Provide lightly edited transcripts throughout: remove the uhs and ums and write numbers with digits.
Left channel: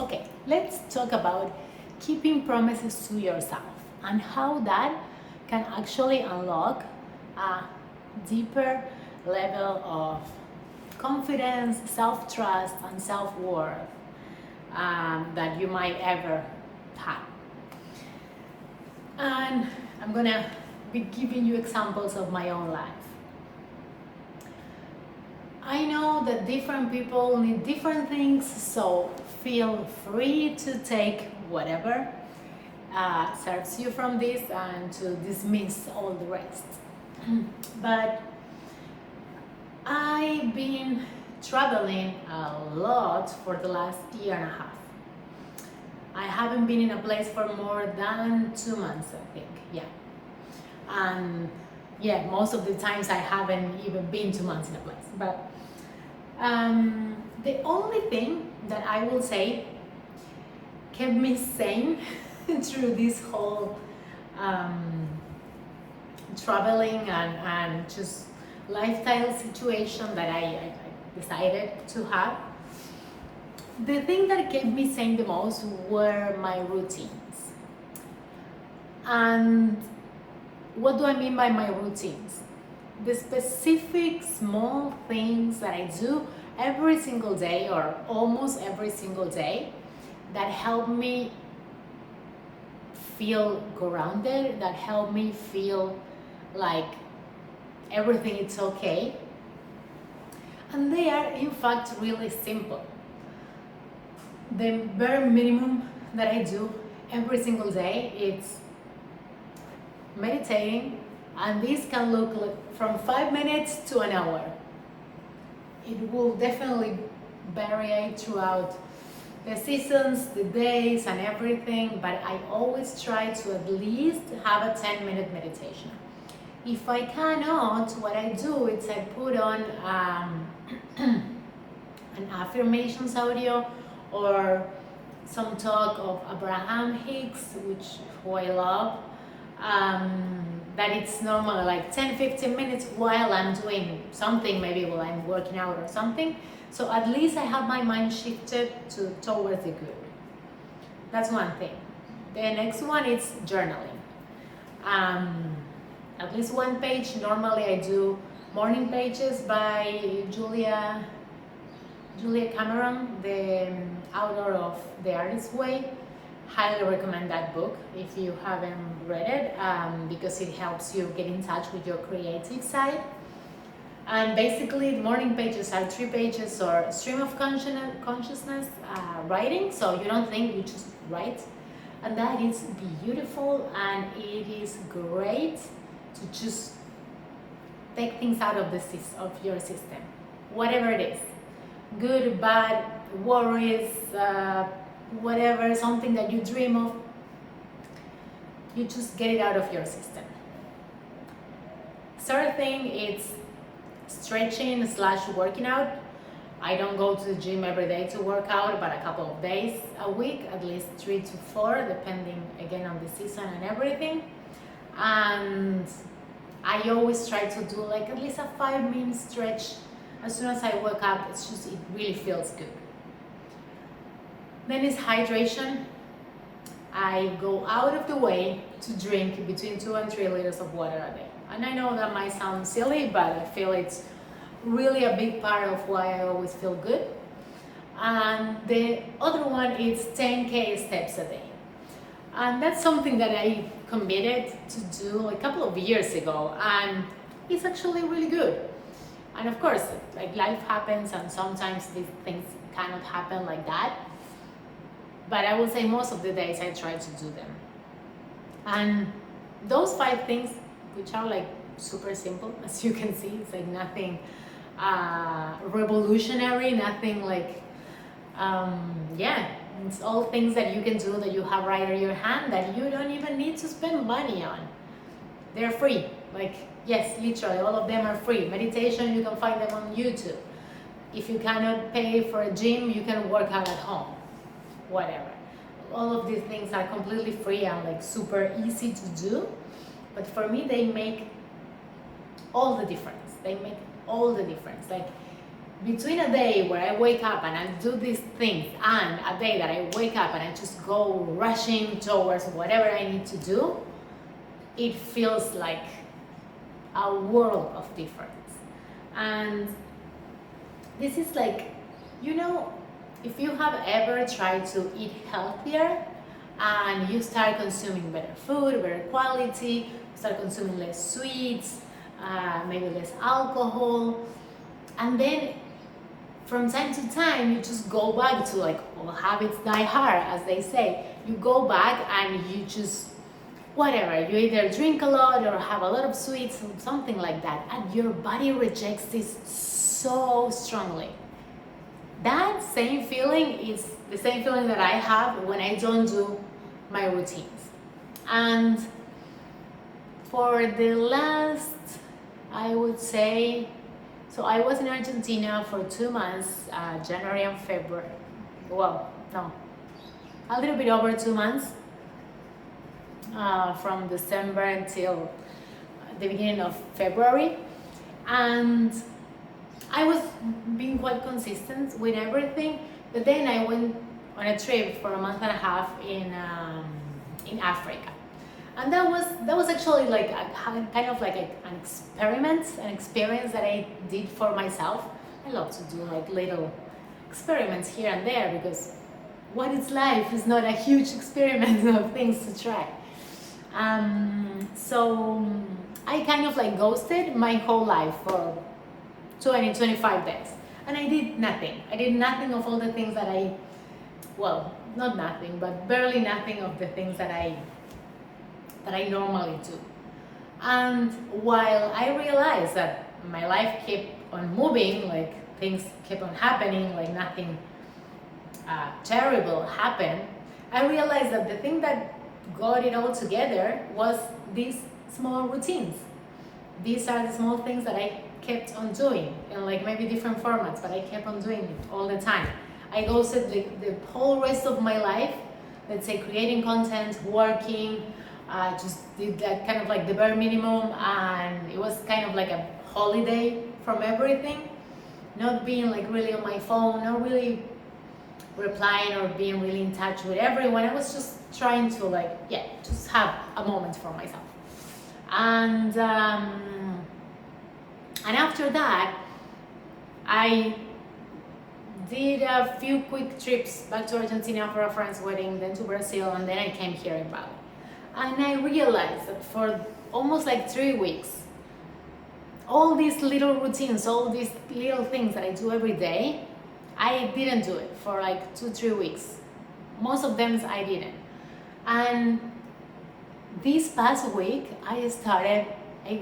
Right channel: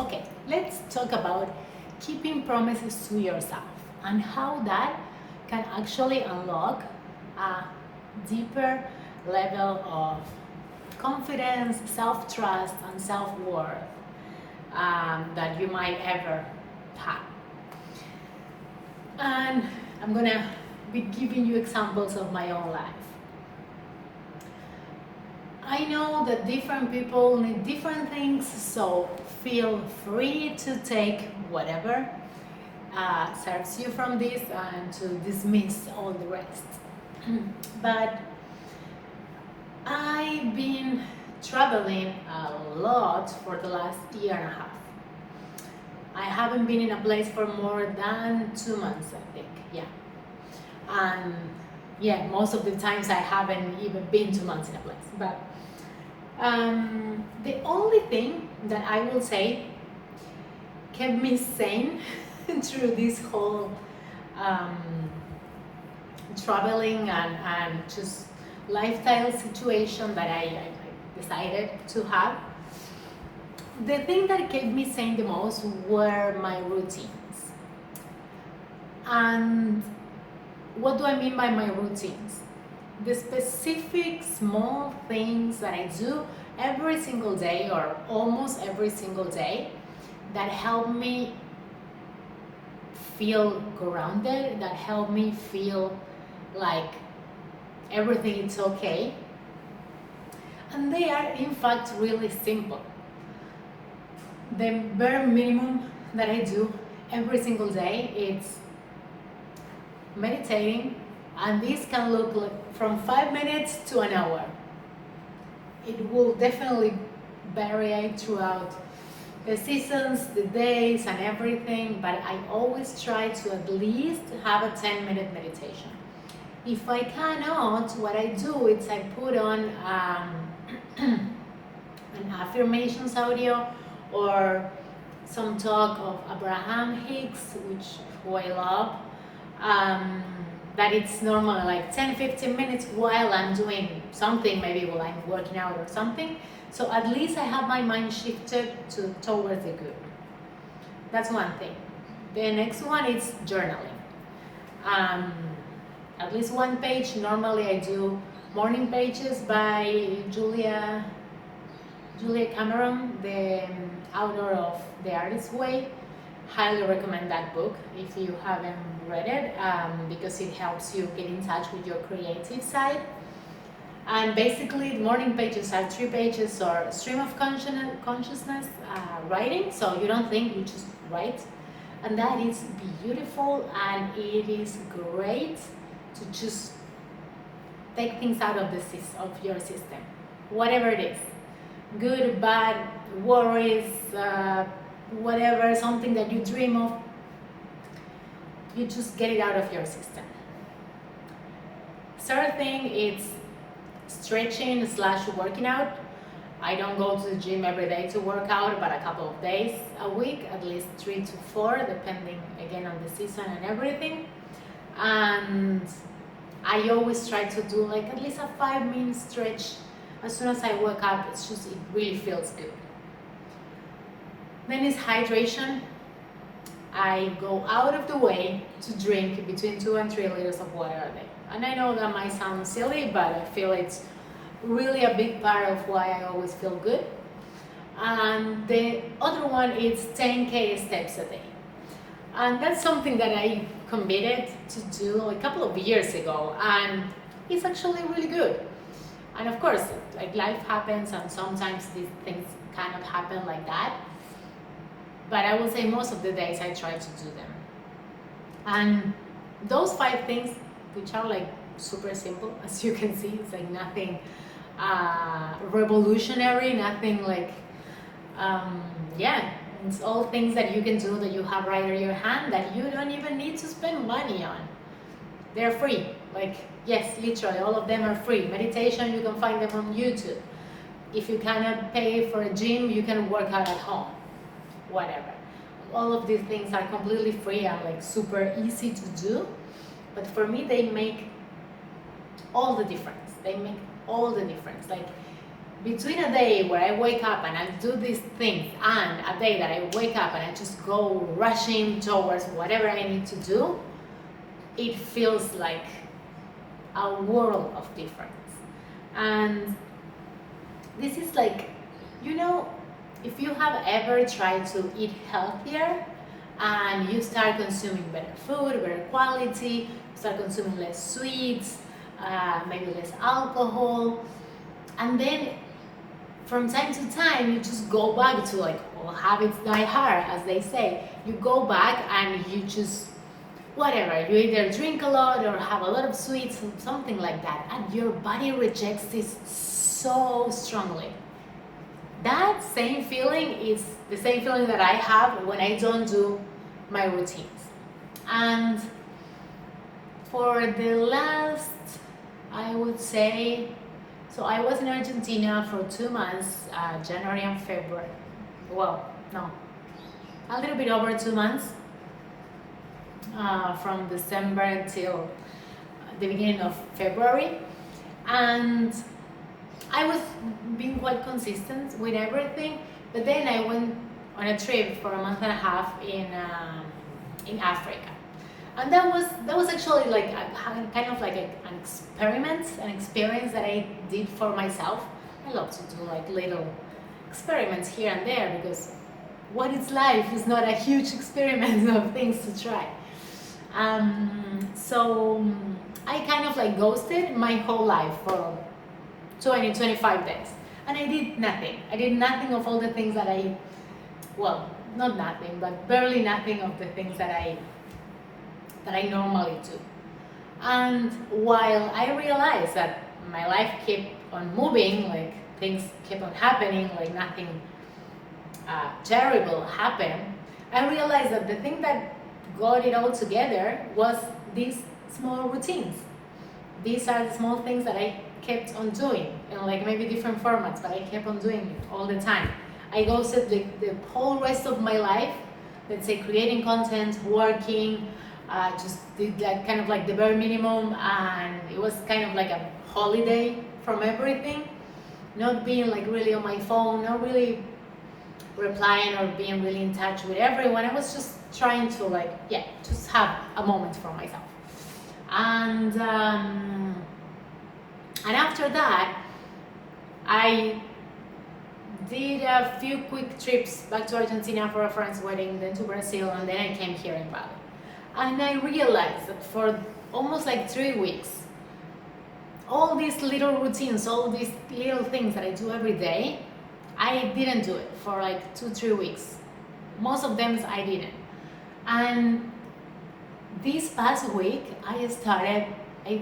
Okay, let's talk about keeping promises to yourself and how that can actually unlock a deeper level of confidence, self trust, and self worth that you might ever have. And I'm gonna be giving you examples of my own life. I know that different people need different things, so feel free to take whatever serves you from this and to dismiss all the rest. But I've been traveling a lot for the last year and a half. I haven't been in a place for more than 2 months, I think, yeah. And yeah, most of the times I haven't even been 2 months in a place. But the only thing that I will say kept me sane through this whole traveling and just lifestyle situation that I decided to have. The thing that kept me sane the most were my routines. And what do I mean by my routines? The specific small things that I do every single day or almost every single day that help me feel grounded, that help me feel like everything is okay. And they are in fact really simple. The bare minimum that I do every single day is meditating, and this can look like from 5 minutes to an hour. It will definitely vary throughout the seasons, the days, and everything, but I always try to at least have a 10-minute meditation. If I cannot, what I do is I put on an affirmations audio or some talk of Abraham Hicks, who I love. That it's normally like 10-15 minutes while I'm doing something, maybe while I'm working out or something. So at least I have my mind shifted towards the good. That's one thing. The next one is journaling. At least one page. Normally I do Morning Pages by Julia Cameron, the author of The Artist's Way. Highly recommend that book if you haven't read it, because it helps you get in touch with your creative side. And basically, morning pages are 3 pages or stream of consciousness writing, so you don't think, you just write. And that is beautiful, and it is great to just take things out of your system, whatever it is, good, bad, worries, whatever, something that you dream of, you just get it out of your system. Third thing is stretching / working out. I don't go to the gym every day to work out, but a couple of days a week, at least 3 to 4, depending again on the season and everything. And I always try to do like at least a 5-minute stretch as soon as I wake up. It really feels good. Then is hydration. I go out of the way to drink between 2 and 3 liters of water a day. And I know that might sound silly, but I feel it's really a big part of why I always feel good. And the other one is 10K steps a day. And that's something that I committed to do a couple of years ago, and it's actually really good. And of course, like, life happens, and sometimes these things cannot happen like that. But I will say most of the days I try to do them. And those 5 things, which are like super simple, as you can see, it's like nothing revolutionary, nothing like, it's all things that you can do, that you have right in your hand, that you don't even need to spend money on. They're free. Like, yes, literally, all of them are free. Meditation, you can find them on YouTube. If you cannot pay for a gym, you can work out at home. Whatever. All of these things are completely free and like super easy to do. But for me, they make all the difference. Like, between a day where I wake up and I do these things and a day that I wake up and I just go rushing towards whatever I need to do, it feels like a world of difference. And this is like, you know, if you have ever tried to eat healthier and you start consuming better food, better quality, start consuming less sweets, maybe less alcohol, and then from time to time you just go back to like, well, habits die hard, as they say. You go back and you just whatever, you either drink a lot or have a lot of sweets or something like that, and your body rejects this so strongly. That same feeling is the same feeling that I have when I don't do my routines. And for the last, I would say, so I was in Argentina for 2 months, January and February. Well, no, a little bit over 2 months, from December until the beginning of February. And I was being quite consistent with everything, but then I went on a trip for a month and a half in Africa. And that was actually like kind of like an experiment, an experience that I did for myself. I love to do like little experiments here and there, because what is life is not a huge experiment of things to try. So I kind of like ghosted my whole life for 25 days, and I did nothing. I did nothing of all the things that well, not nothing, but barely nothing of the things that I normally do. And while I realized that my life kept on moving, like things kept on happening, like nothing terrible happened, I realized that the thing that got it all together was these small routines. These are the small things that I kept on doing in like maybe different formats, but I kept on doing it all the time. I ghosted like the whole rest of my life, let's say creating content, working, just did like kind of like the bare minimum, and it was kind of like a holiday from everything. Not being like really on my phone, not really replying or being really in touch with everyone. I was just trying to like, yeah, just have a moment for myself. And after that, I did a few quick trips back to Argentina for a friend's wedding, then to Brazil, and then I came here in Bali. And I realized that for almost like 3 weeks, all these little routines, all these little things that I do every day, I didn't do it for like 2-3 weeks. Most of them I didn't. And this past week, I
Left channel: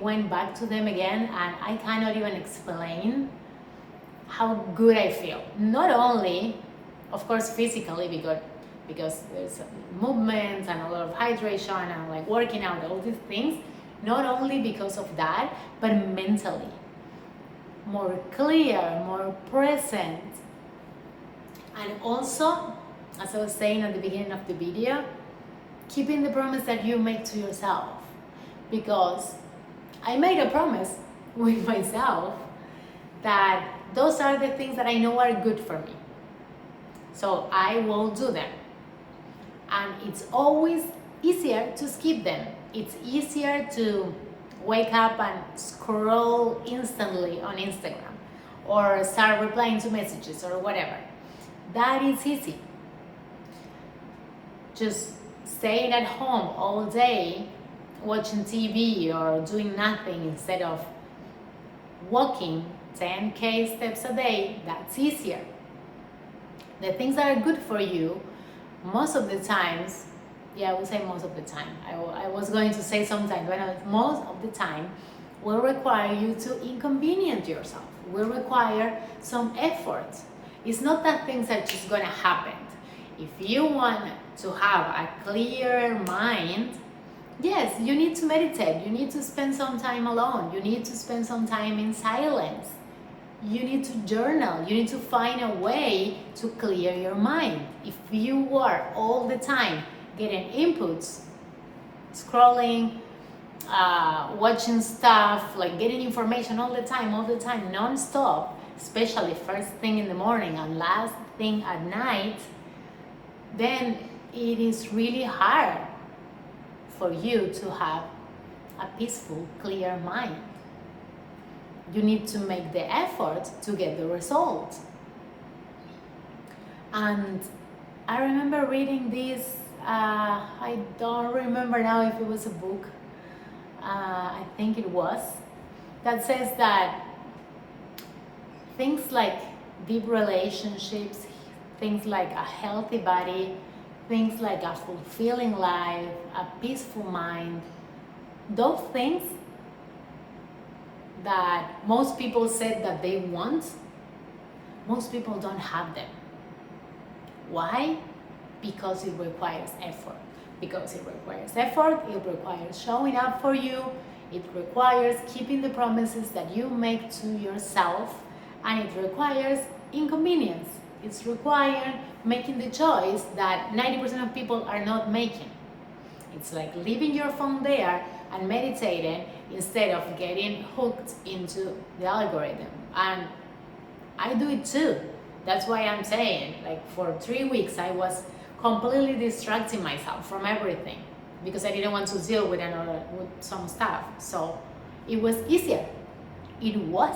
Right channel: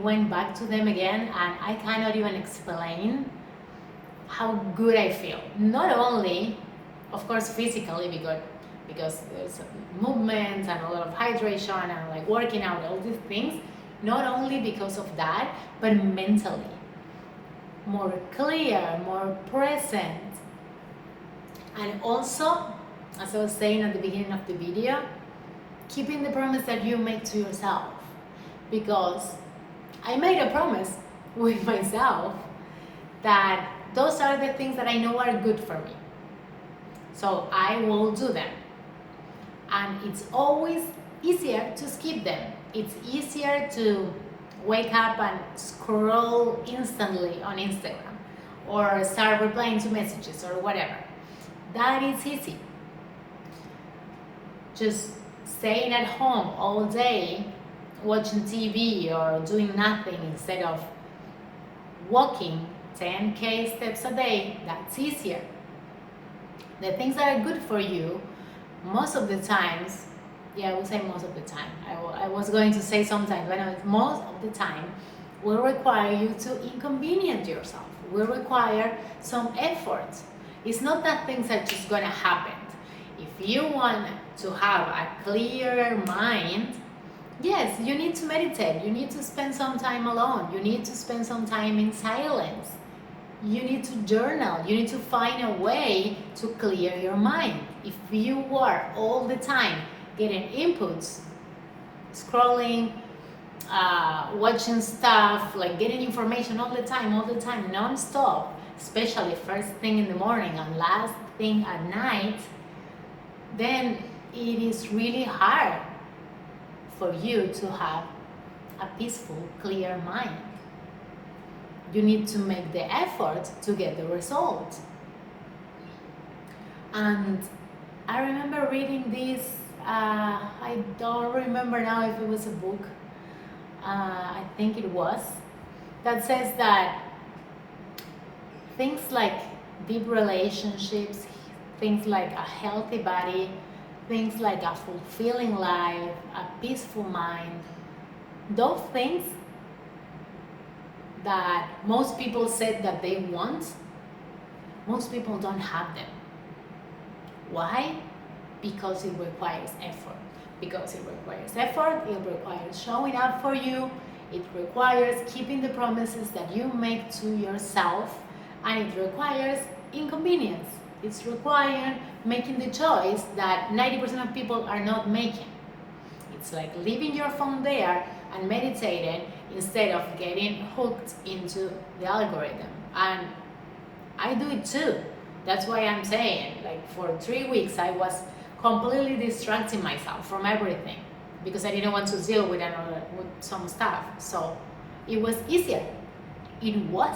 went back to them again, and I cannot even explain how good I feel. Not only, of course, physically, because there's movement and a lot of hydration and like working out, all these things. Not only because of that, but mentally. More clear, more present. And also, as I was saying at the beginning of the video, keeping the promise that you make to yourself. Because I made a promise with myself that those are the things that I know are good for me. So I will do them. And it's always easier to skip them. It's easier to wake up and scroll instantly on Instagram or start replying to messages or whatever. That is easy. Just staying at home all day, watching TV or doing nothing instead of walking 10,000 steps a day, that's easier. The things that are good for you, most of the times, I would say most of the time, I was going to say sometimes, but most of the time, will require you to inconvenience yourself, will require some effort. It's not that things are just gonna happen. If you want to have a clearer mind, yes, you need to meditate, you need to spend some time alone, you need to spend some time in silence, you need to journal, you need to find a way to clear your mind. If you are all the time getting inputs, scrolling, watching stuff, like getting information all the time, non-stop, especially first thing in the morning and last thing at night, then it is really hard for you to have a peaceful, clear mind. You need to make the effort to get the result. And I remember reading this, I don't remember now if it was a book, I think it was, that says that things like deep relationships, things like a healthy body, things like a fulfilling life, a peaceful mind, those things that most people said that they want, most people don't have them. Why? Because it requires effort. Because it requires effort, it requires showing up for you, it requires keeping the promises that you make to yourself, and it requires inconvenience. It's required making the choice that 90% of people are not making. It's like leaving your phone there and meditating instead of getting hooked into the algorithm. And I do it too. That's why I'm saying, like, for 3 weeks I was completely distracting myself from everything because I didn't want to deal with some stuff. So it was easier. It was.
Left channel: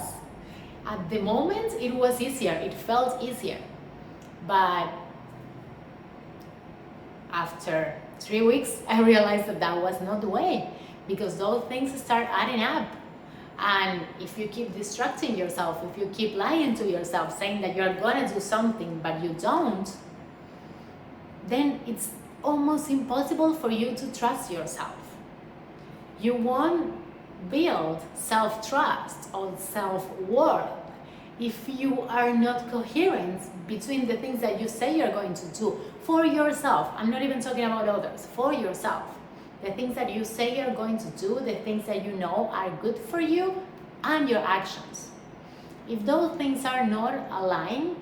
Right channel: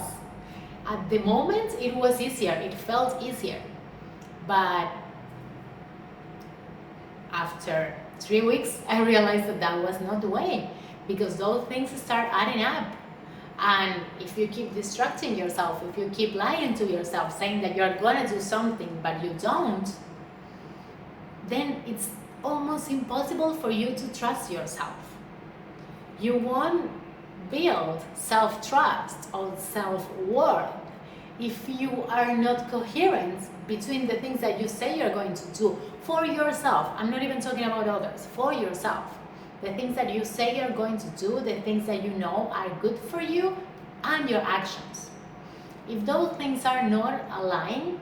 At the moment, it was easier. It felt easier. But after 3 weeks, I realized that that was not the way, because those things start adding up. And if you keep distracting yourself, if you keep lying to yourself, saying that you're gonna do something but you don't, then it's almost impossible for you to trust yourself. You won't build self-trust or self-worth if you are not coherent between the things that you say you're going to do for yourself. I'm not even talking about others, for yourself. The things that you say you're going to do, the things that you know are good for you, and your actions. If those things are not aligned,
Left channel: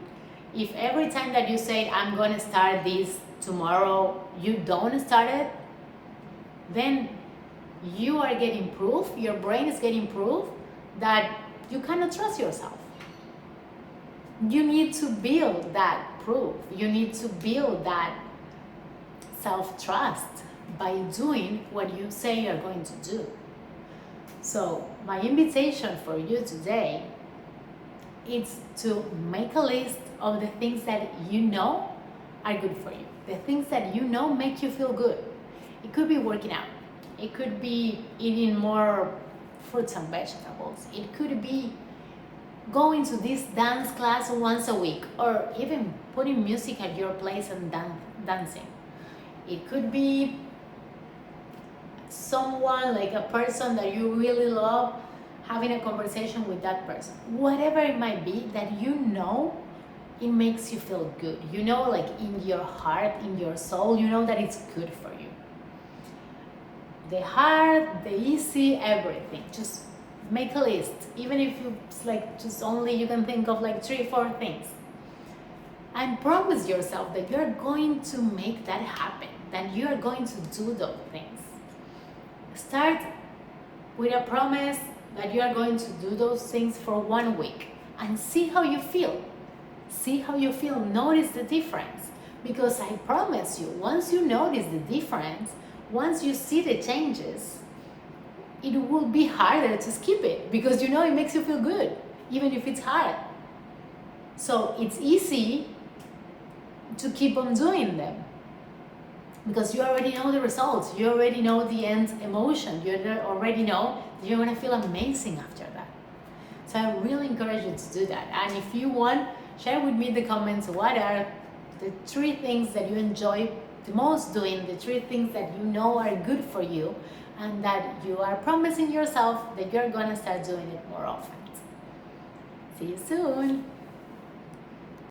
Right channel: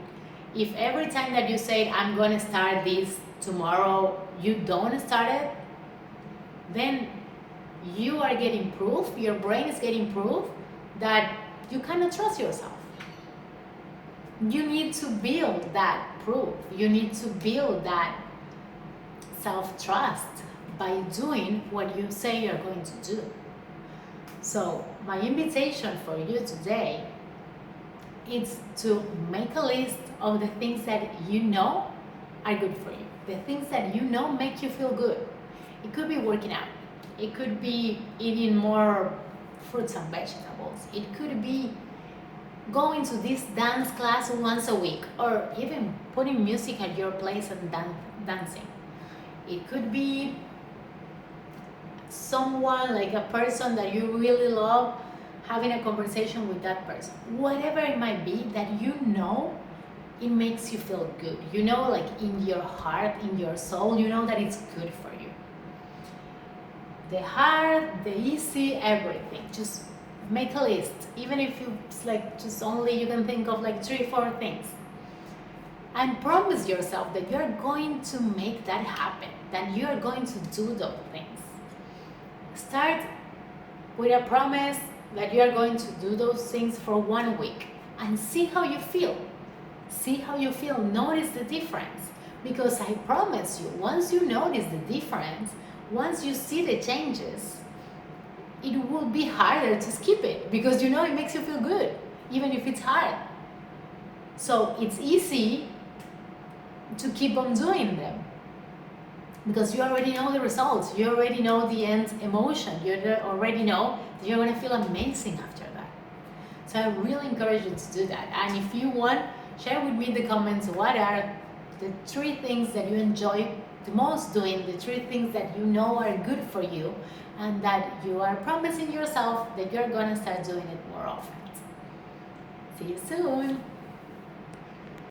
if every time that you say, I'm going to start this tomorrow, you don't start it, then you are getting proof, your brain is getting proof that you cannot trust yourself. You need to build that proof. You need to build that self-trust by doing what you say you're going to do. So my invitation for you today is to make a list of the things that you know are good for you, the things that you know make you feel good. It could be working out, it could be eating more fruits and vegetables, it could be going to this dance class once a week, or even putting music at your place and dancing. It could be someone, like a person that you really love, having a conversation with that person. Whatever it might be that you know it makes you feel good. You know, like in your heart, in your soul, you know that it's good for you. The hard, the easy, everything. Just make a list. Even if it's like just only you can think of like 3-4 things. And promise yourself that you're going to make that happen, that you're going to do those things. Start with a promise that you are going to do those things for 1 week and see how you feel. See how you feel. Notice the difference. Because I promise you, once you notice the difference, once you see the changes, it will be harder to skip it because you know it makes you feel good, even if it's hard. So it's easy to keep on doing them because you already know the results. You already know the end emotion. You already know that you're going to feel amazing after that. So I really encourage you to do that. And if you want, share with me in the comments what are the 3 things that you enjoy the most doing, the 3 things that you know are good for you and that you are promising yourself that you're going to start doing it more often. See you soon.